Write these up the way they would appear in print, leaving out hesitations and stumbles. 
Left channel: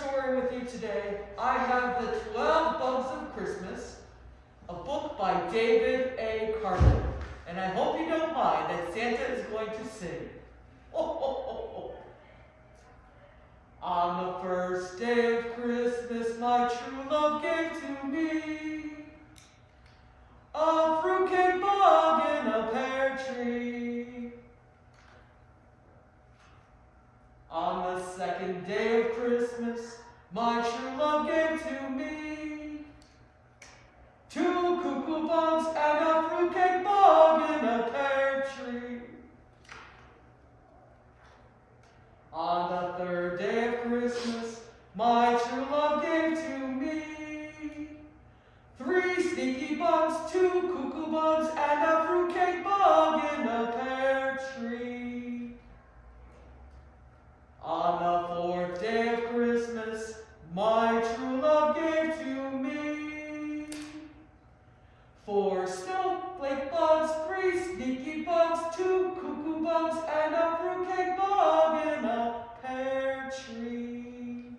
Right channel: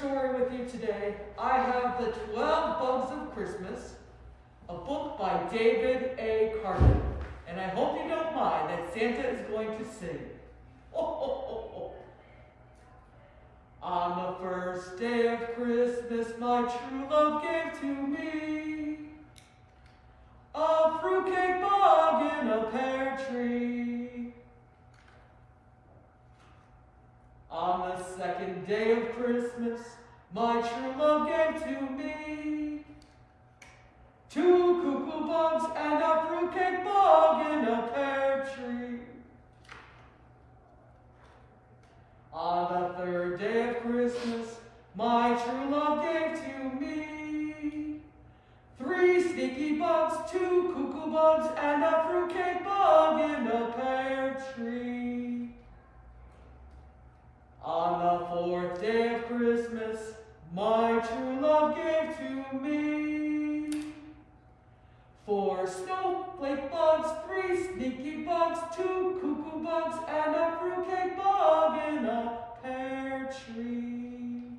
story with you today. I have The 12 Bugs of Christmas, a book by David A. Carter. And I hope you don't mind that Santa is going to sing. Ho, ho, ho, ho. On the first day of Christmas, my true love gave to me a fruitcake bug in a pear tree. On the second day of Christmas, my true love gave to me 2 cuckoo bugs and a fruitcake bug in a pear tree. On the third day of Christmas, my true love gave to me 3 sneaky bugs, 2 cuckoo bugs, and a fruitcake bug in a pear tree. On the fourth day of Christmas, my true love gave to me 4 snowflake bugs, 3 sneaky bugs, 2 cuckoo bugs, and a fruitcake bug in a pear tree.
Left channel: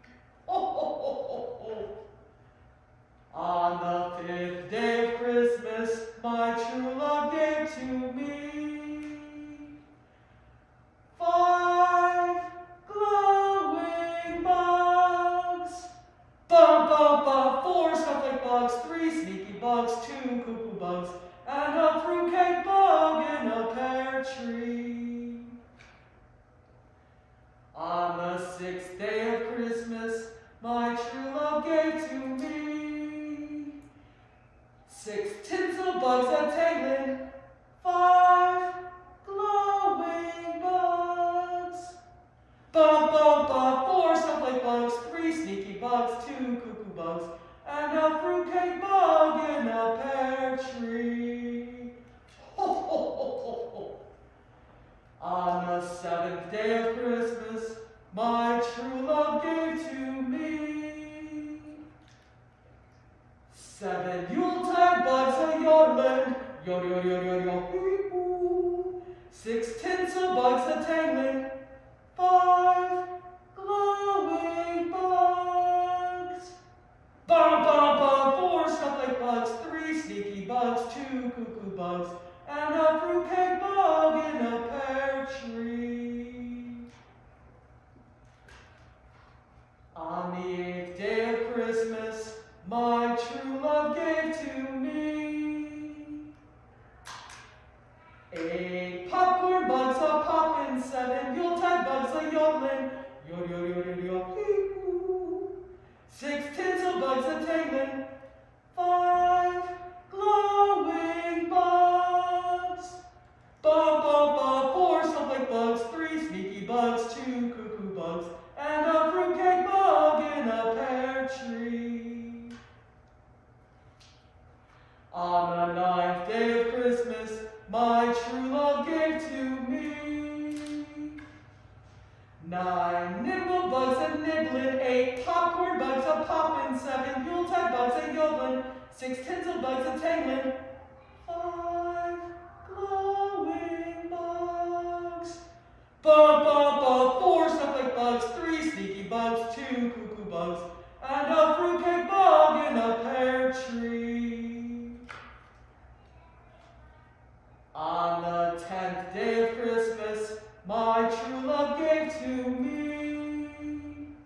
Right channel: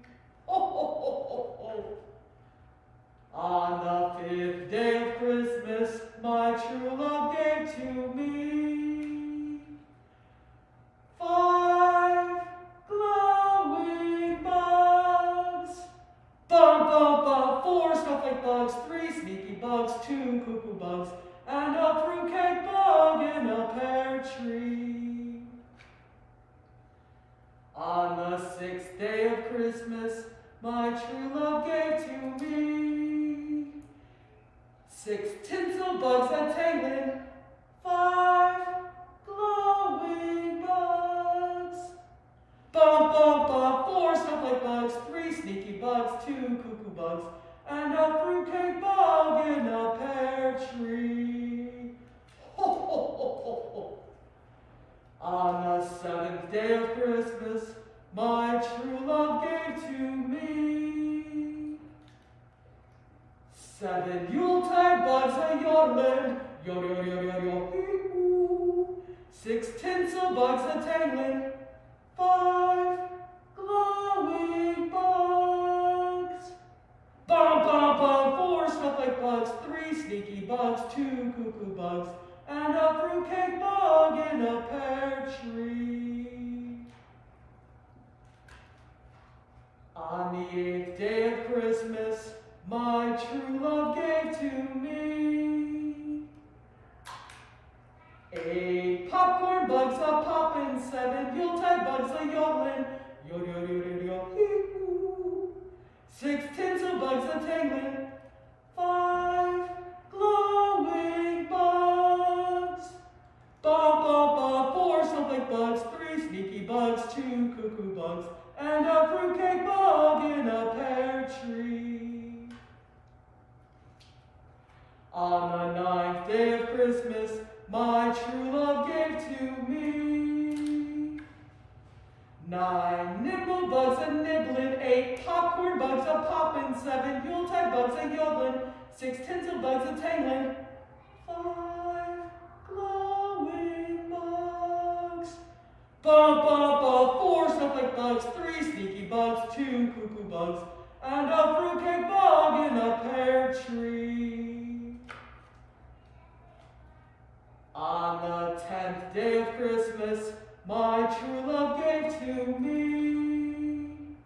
Ho, ho, ho, ho, ho. On the 5th day of Christmas, my true love gave to me 5 glowing bugs. Bum, bum, bum, 4 snowflake bugs, 3 sneaky bugs, 2 cuckoo bugs, and a fruitcake bug in a pear tree. On the 6th day of Christmas, my true love gave to me 6 tinsel bugs a-tangling, 5 glowing bugs. Bum, bum, bum, 4 snowflake bugs, 3 sneaky bugs, 2 cuckoo bugs, and a fruitcake bug in a pear tree. Ho, ho, ho, ho, ho. On the 7th day of Christmas, my true love gave to me 7 Yuletide bugs a-yodeling, yo, yo, yo, yo, yo, hee-hoo. 6 tinsel bugs a-tangling, 5 glowing bugs. Bum, bum, bum, 4 snowflake bugs, 3 sneaky bugs, 2 cuckoo bugs, and a fruitcake bug in a pear tree. On the 8th day of Christmas, my true love gave to me 8 popcorn bugs a-poppin', 7 Yuletide bugs a-yodeling, yo, yo, yo, yo, yo, hee-hoo. 6 tinsel bugs a-tangling, 5 glowing bugs. Bum, bum, bum, 4 snowflake bugs, 3 sneaky bugs, 2 cuckoo bugs, and a fruitcake bug in a pear tree. On the 9th day of Christmas, my true love gave to me 9 nimble bugs a-nibbling, 8 popcorn bugs a-poppin', 7 Yuletide bugs a-yodeling, 6 tinsel bugs a-tangling, 5 glowing bugs. Bum, bum, bum, 4 snowflake bugs, 3 sneaky bugs, 2 cuckoo bugs, and a fruitcake bug in a pear tree. On the 10th day of Christmas, my true love gave to me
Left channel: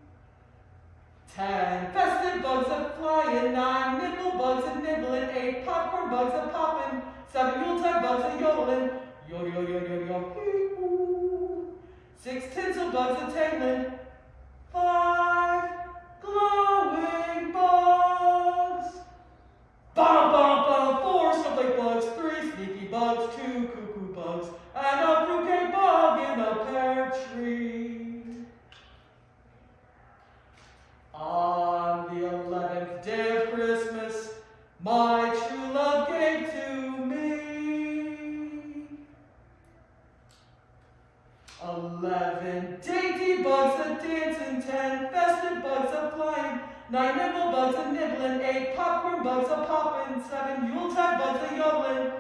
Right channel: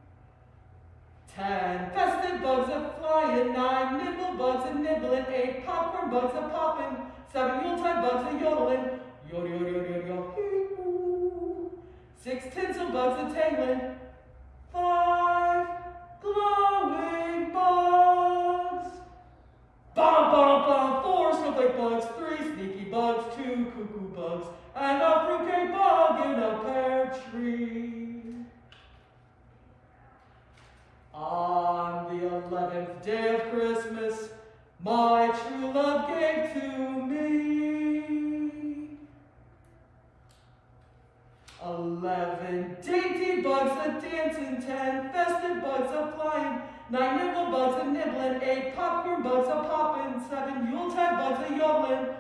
10 festive bugs a-flying, 9 nimble bugs a-nibbling, 8 popcorn bugs a-poppin', 7 Yuletide bugs a-yodeling, yo, yo, yo, yo, yo, hee-hoo. 6 tinsel bugs a-tangling, 5 glowing bugs. Bum, bum, bum, 4 snowflake bugs, 3 sneaky bugs, 2 cuckoo bugs, and a fruitcake bug in a pear tree. On the 11th day of Christmas, my true love gave to me 11 dainty bugs a-dancing, 10 festive bugs a-flying, 9 nibble bugs a-nibbling, 8 popcorn bugs a-poppin', 7 Yuletide bugs a-yodeling,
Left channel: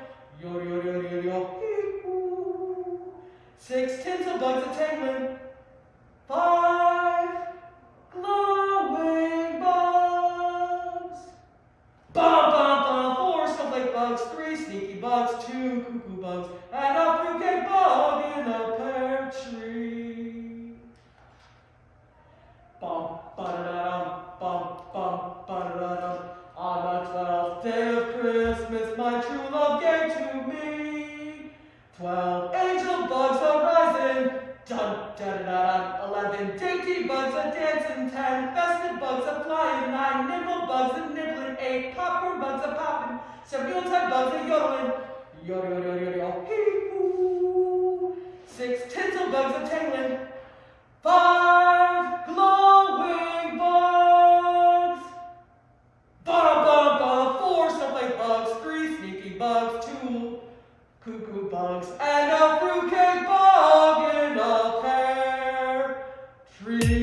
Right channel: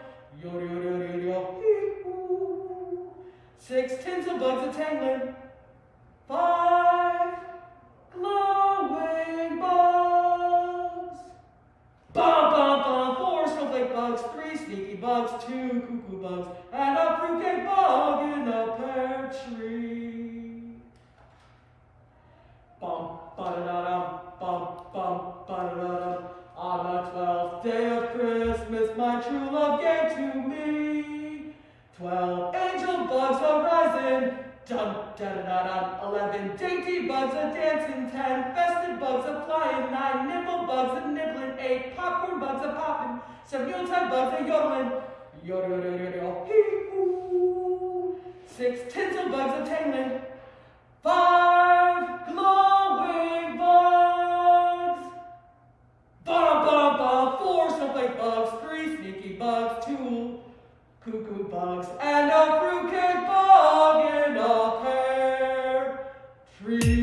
yo, yo, yo, yo, yo, hee-hoo. 6 tinsel bugs a-tangling, 5 glowing bum, ba-da-da-dum, bum, bum, ba-da-da-dum. On the 12th day of Christmas, my true love gave to me 12 angel bugs a-rising, dun, da-da-da-dum. 11 dainty bugs a-dancing, 10 festive bugs a-flying, 9 nimble bugs a-nibbling, 8 popcorn bugs a-popping, 7 Yuletide bugs a-yodeling, yodel, hee-hoo. 6 tinsel bugs a-tangling, 5 glowing bugs, ba-ba-ba, 4 snowflake bugs, 3 sneaky bugs, 2 cuckoo bugs, and a fruitcake bug in a pear tree.